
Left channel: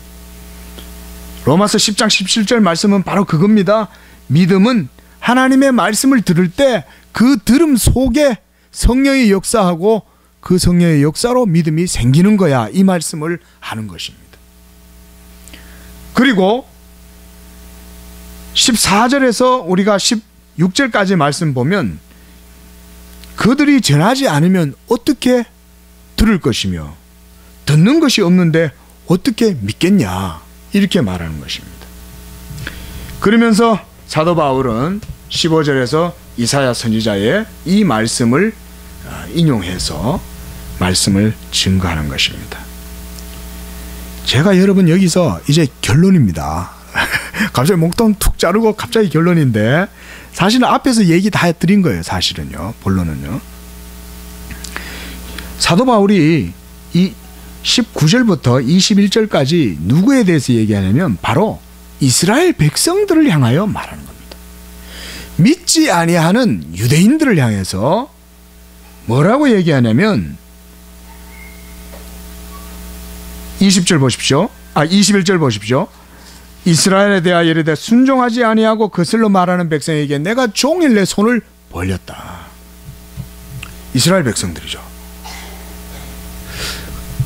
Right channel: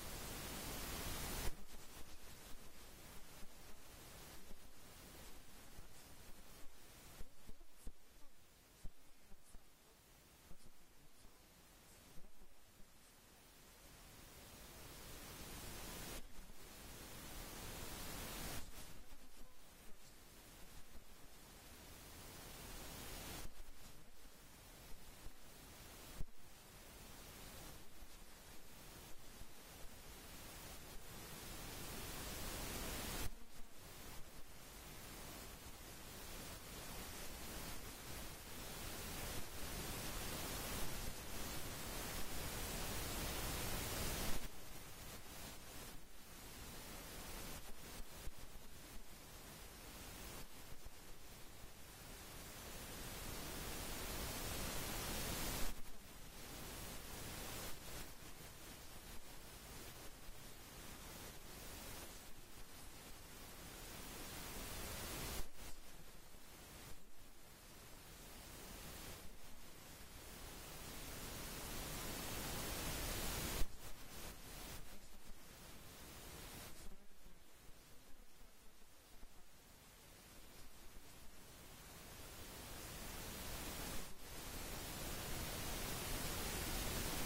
로마서 10장 17절 말씀은 바로 그겁니다. 믿음은 하나님의 말씀을 들을 때 그 들음 속에 성령이 역사하고 그 성령의 역사로 믿음이 생기는 거야, 이 말씀을 하는 것입니다. 그리고 14절에서 우리가 16절까지 말씀 보면 그들이 전하지 않으면 어떻게 들을 것이며 듣는 것이 없는데 어떻게 믿겠냐, 이렇게 말하는 것입니다. 그러면서 사도 바울은 15절에서 이사야 선지자의 이 말씀을 인용해서 말씀을 증거하는 것입니다. 제가 여러분 여기서 이제 결론입니다. 갑자기 목돈 툭 자르고 갑자기 결론인데, 사실은 앞에서 얘기 다 드린 거예요. 사실은요, 본론은요. 사도 바울이 이 19절부터 21절까지 누구에 대해서 얘기하냐면 바로 이스라엘 백성들을 향하여 말하는 겁니다. 믿지 아니하는 유대인들을 향해서 뭐라고 얘기하냐면 20절 보십시오. 21절 보십시오. 이스라엘에 대하여 이르되 순종하지 아니하고 거슬러 말하는 백성에게 내가 종일 내 손을 벌렸다. 이스라엘 백성들이죠.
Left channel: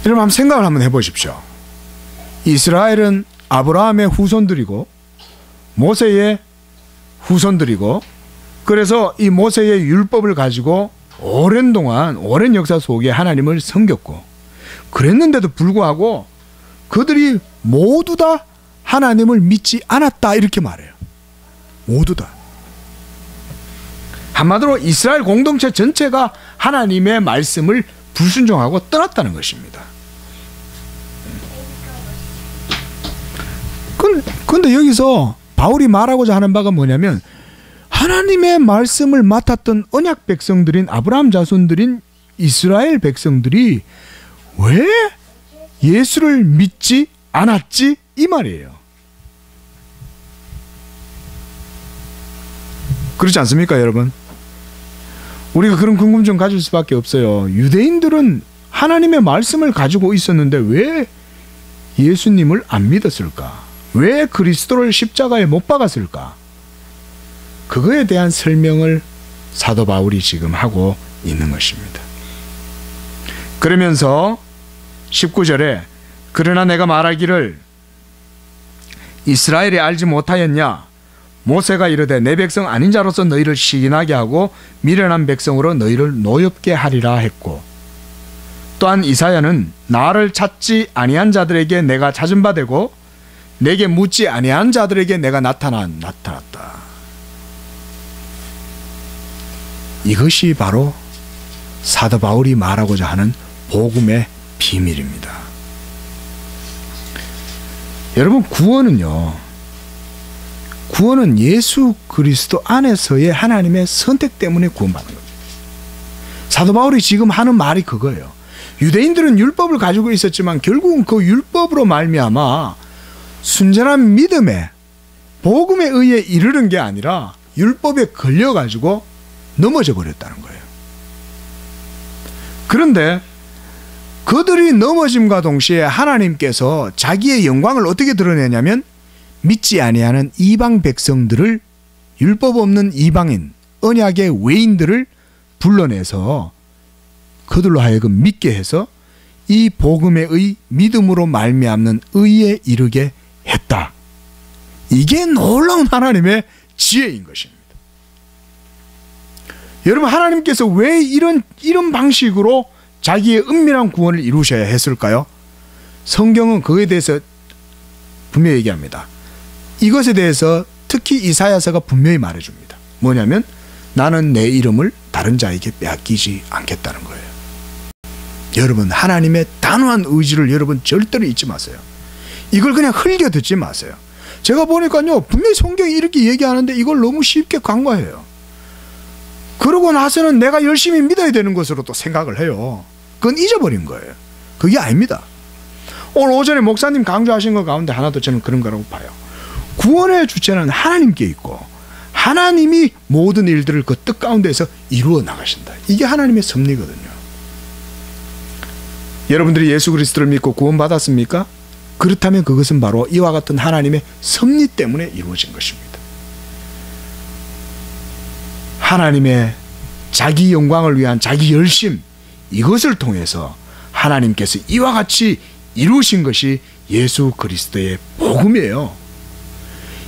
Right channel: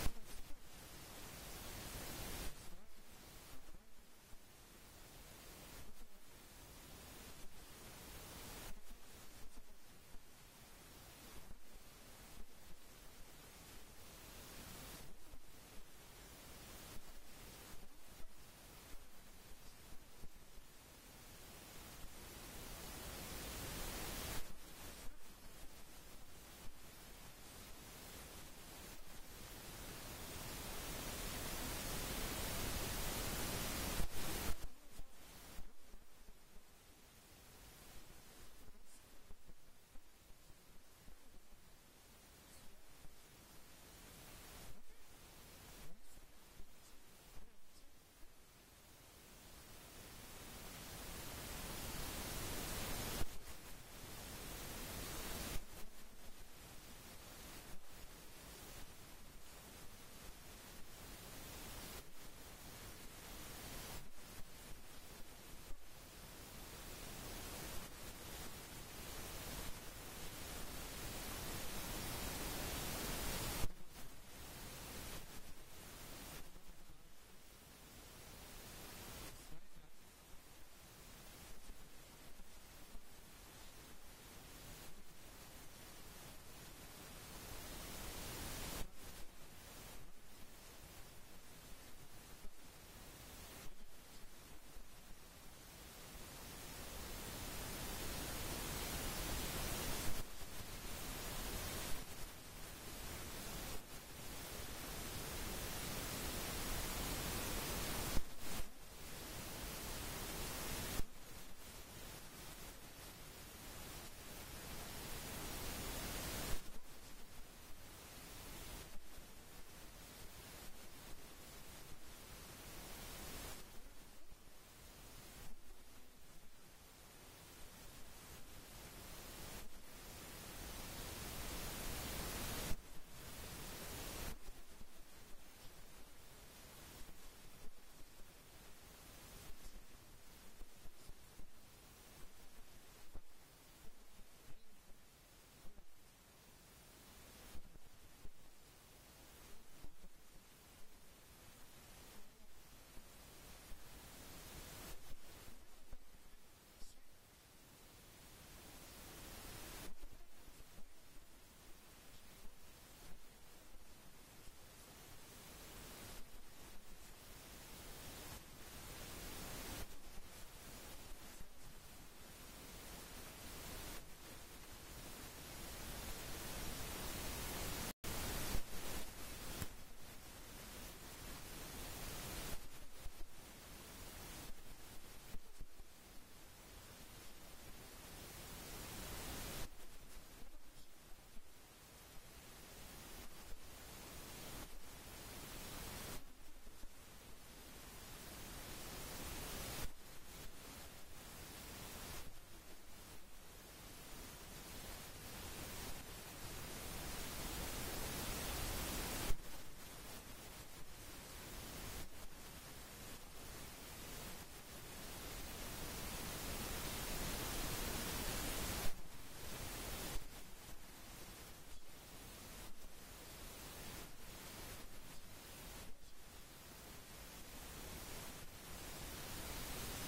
여러분 한번 생각을 한번 해보십시오. 이스라엘은 아브라함의 후손들이고 모세의 후손들이고, 그래서 이 모세의 율법을 가지고 오랜 동안 오랜 역사 속에 하나님을 섬겼고, 그랬는데도 불구하고 그들이 모두 다 하나님을 믿지 않았다, 이렇게 말해요. 모두 다. 한마디로 이스라엘 공동체 전체가 하나님의 말씀을 불순종하고 떠났다는 것입니다. 그런데 여기서 바울이 말하고자 하는 바가 뭐냐면, 하나님의 말씀을 맡았던 언약 백성들인 아브라함 자손들인 이스라엘 백성들이 왜 예수를 믿지 않았지, 이 말이에요. 그렇지 않습니까, 여러분? 우리가 그런 궁금증 가질 수밖에 없어요. 유대인들은 하나님의 말씀을 가지고 있었는데 왜 예수님을 안 믿었을까? 왜 그리스도를 십자가에 못 박았을까? 그거에 대한 설명을 사도 바울이 지금 하고 있는 것입니다. 그러면서 19절에 그러나 내가 말하기를 이스라엘이 알지 못하였냐? 모세가 이르되 내 백성 아닌 자로서 너희를 시인하게 하고 미련한 백성으로 너희를 노엽게 하리라 했고, 또한 이사야는 나를 찾지 아니한 자들에게 내가 찾은 바 되고 내게 묻지 아니한 자들에게 내가 나타났다. 이것이 바로 사도 바울이 말하고자 하는 복음의 비밀입니다. 여러분, 구원은 예수 그리스도 안에서의 하나님의 선택 때문에 구원받는 거죠. 사도 바울이 지금 하는 말이 그거예요. 유대인들은 율법을 가지고 있었지만 결국은 그 율법으로 말미암아 순전한 믿음에 복음에 의해 이르는 게 아니라 율법에 걸려가지고 넘어져 버렸다는 거예요. 그런데 그들이 넘어짐과 동시에 하나님께서 자기의 영광을 어떻게 드러내냐면 믿지 아니하는 이방 백성들을, 율법 없는 이방인, 언약의 외인들을 불러내서 그들로 하여금 믿게 해서 이 복음의 의, 믿음으로 말미암는 의에 이르게 했다. 이게 놀라운 하나님의 지혜인 것입니다. 여러분, 하나님께서 왜 이런 방식으로 자기의 은밀한 구원을 이루셔야 했을까요? 성경은 그에 대해서 분명히 얘기합니다. 이것에 대해서 특히 이사야서가 분명히 말해줍니다. 뭐냐면 나는 내 이름을 다른 자에게 빼앗기지 않겠다는 거예요. 여러분, 하나님의 단호한 의지를 여러분 절대로 잊지 마세요. 이걸 그냥 흘겨 듣지 마세요. 제가 보니까요, 분명히 성경이 이렇게 얘기하는데 이걸 너무 쉽게 간과해요. 그러고 나서는 내가 열심히 믿어야 되는 것으로 또 생각을 해요. 그건 잊어버린 거예요. 그게 아닙니다. 오늘 오전에 목사님 강조하신 것 가운데 하나도 저는 그런 거라고 봐요. 구원의 주체는 하나님께 있고 하나님이 모든 일들을 그 뜻 가운데서 이루어 나가신다. 이게 하나님의 섭리거든요. 여러분들이 예수 그리스도를 믿고 구원받았습니까? 그렇다면 그것은 바로 이와 같은 하나님의 섭리 때문에 이루어진 것입니다. 하나님의 자기 영광을 위한 자기 열심, 이것을 통해서 하나님께서 이와 같이 이루신 것이 예수 그리스도의 복음이에요.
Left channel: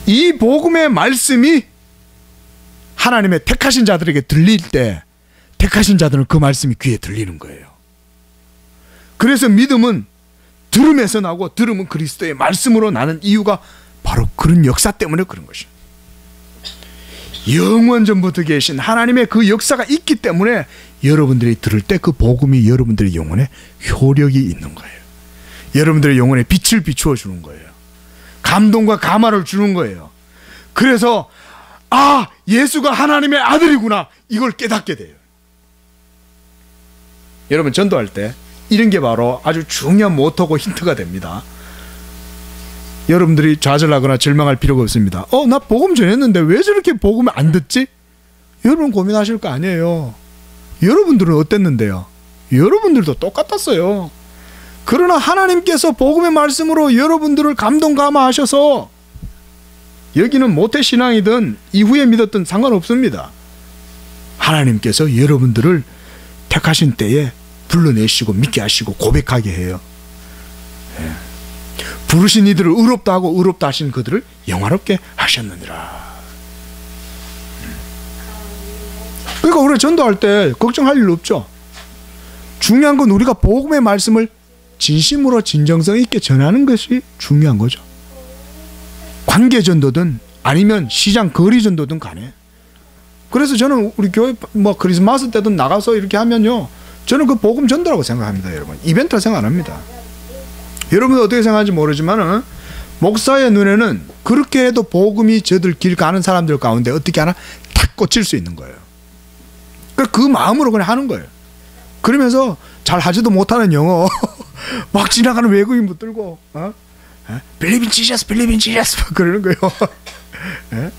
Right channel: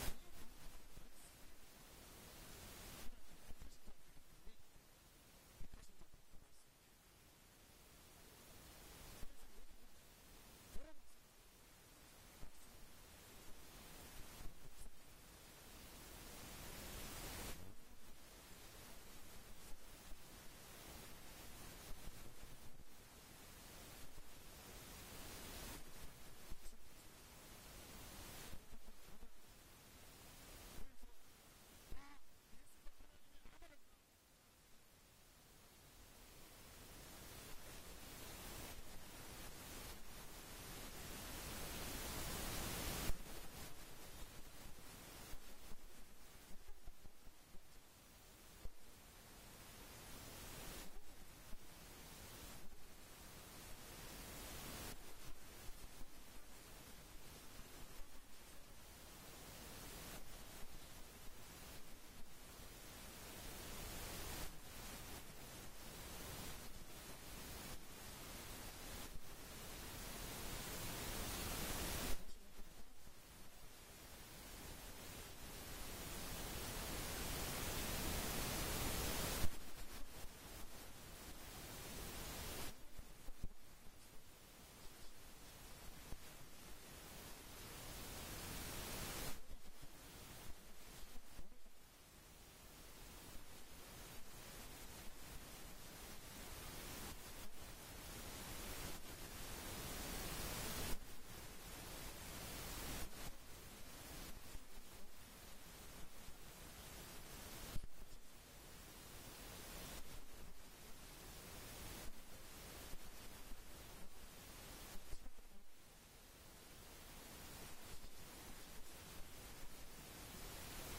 이 복음의 말씀이 하나님의 택하신 자들에게 들릴 때 택하신 자들은 그 말씀이 귀에 들리는 거예요. 그래서 믿음은 들음에서 나고 들음은 그리스도의 말씀으로 나는 이유가 바로 그런 역사 때문에 그런 것입니다. 영원 전부터 계신 하나님의 그 역사가 있기 때문에 여러분들이 들을 때 그 복음이 여러분들의 영혼에 효력이 있는 거예요. 여러분들의 영혼에 빛을 비추어 주는 거예요. 감동과 감화를 주는 거예요. 그래서 아, 예수가 하나님의 아들이구나, 이걸 깨닫게 돼요. 여러분, 전도할 때 이런 게 바로 아주 중요한 모토고 힌트가 됩니다. 여러분들이 좌절하거나 절망할 필요가 없습니다. 나 복음 전했는데 왜 저렇게 복음을 안 듣지? 여러분 고민하실 거 아니에요. 여러분들은 어땠는데요? 여러분들도 똑같았어요. 그러나 하나님께서 복음의 말씀으로 여러분들을 감동 감화하셔서, 여기는 모태신앙이든 이후에 믿었든 상관없습니다. 하나님께서 여러분들을 택하신 때에 불러내시고 믿게 하시고 고백하게 해요. 예. 부르신 이들을 의롭다 하고 의롭다 하신 그들을 영화롭게 하셨느니라. 그러니까 우리가 전도할 때 걱정할 일 없죠. 중요한 건 우리가 복음의 말씀을 진심으로 진정성 있게 전하는 것이 중요한 거죠. 관계 전도든 아니면 시장 거리 전도든 간에. 그래서 저는 우리 교회 뭐 크리스마스 때도 나가서 이렇게 하면요, 저는 그 복음 전도라고 생각합니다. 여러분, 이벤트라 생각 안 합니다. 여러분 어떻게 생각하는지 모르지만은 목사의 눈에는 그렇게 해도 복음이 저들 길 가는 사람들 가운데 어떻게 하나 탁 꽂힐 수 있는 거예요. 그 마음으로 그냥 하는 거예요. 그러면서 잘 하지도 못하는 영어 막 지나가는 외국인 붙들고 빌리빈 지저스 빌리빈 지저스 그러는 거예요. 예?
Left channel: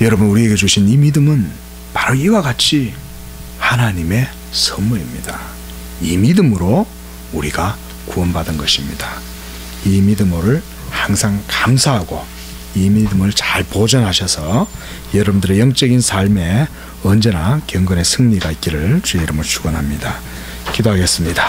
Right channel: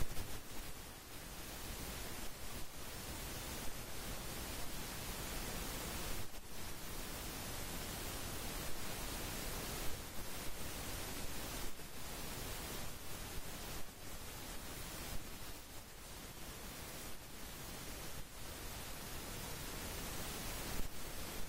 여러분, 우리에게 주신 이 믿음은 바로 이와 같이 하나님의 선물입니다. 이 믿음으로 우리가 구원받은 것입니다. 이 믿음을 항상 감사하고 이 믿음을 잘 보존하셔서 여러분들의 영적인 삶에 언제나 경건의 승리가 있기를 주의 이름으로 축원합니다. 기도하겠습니다.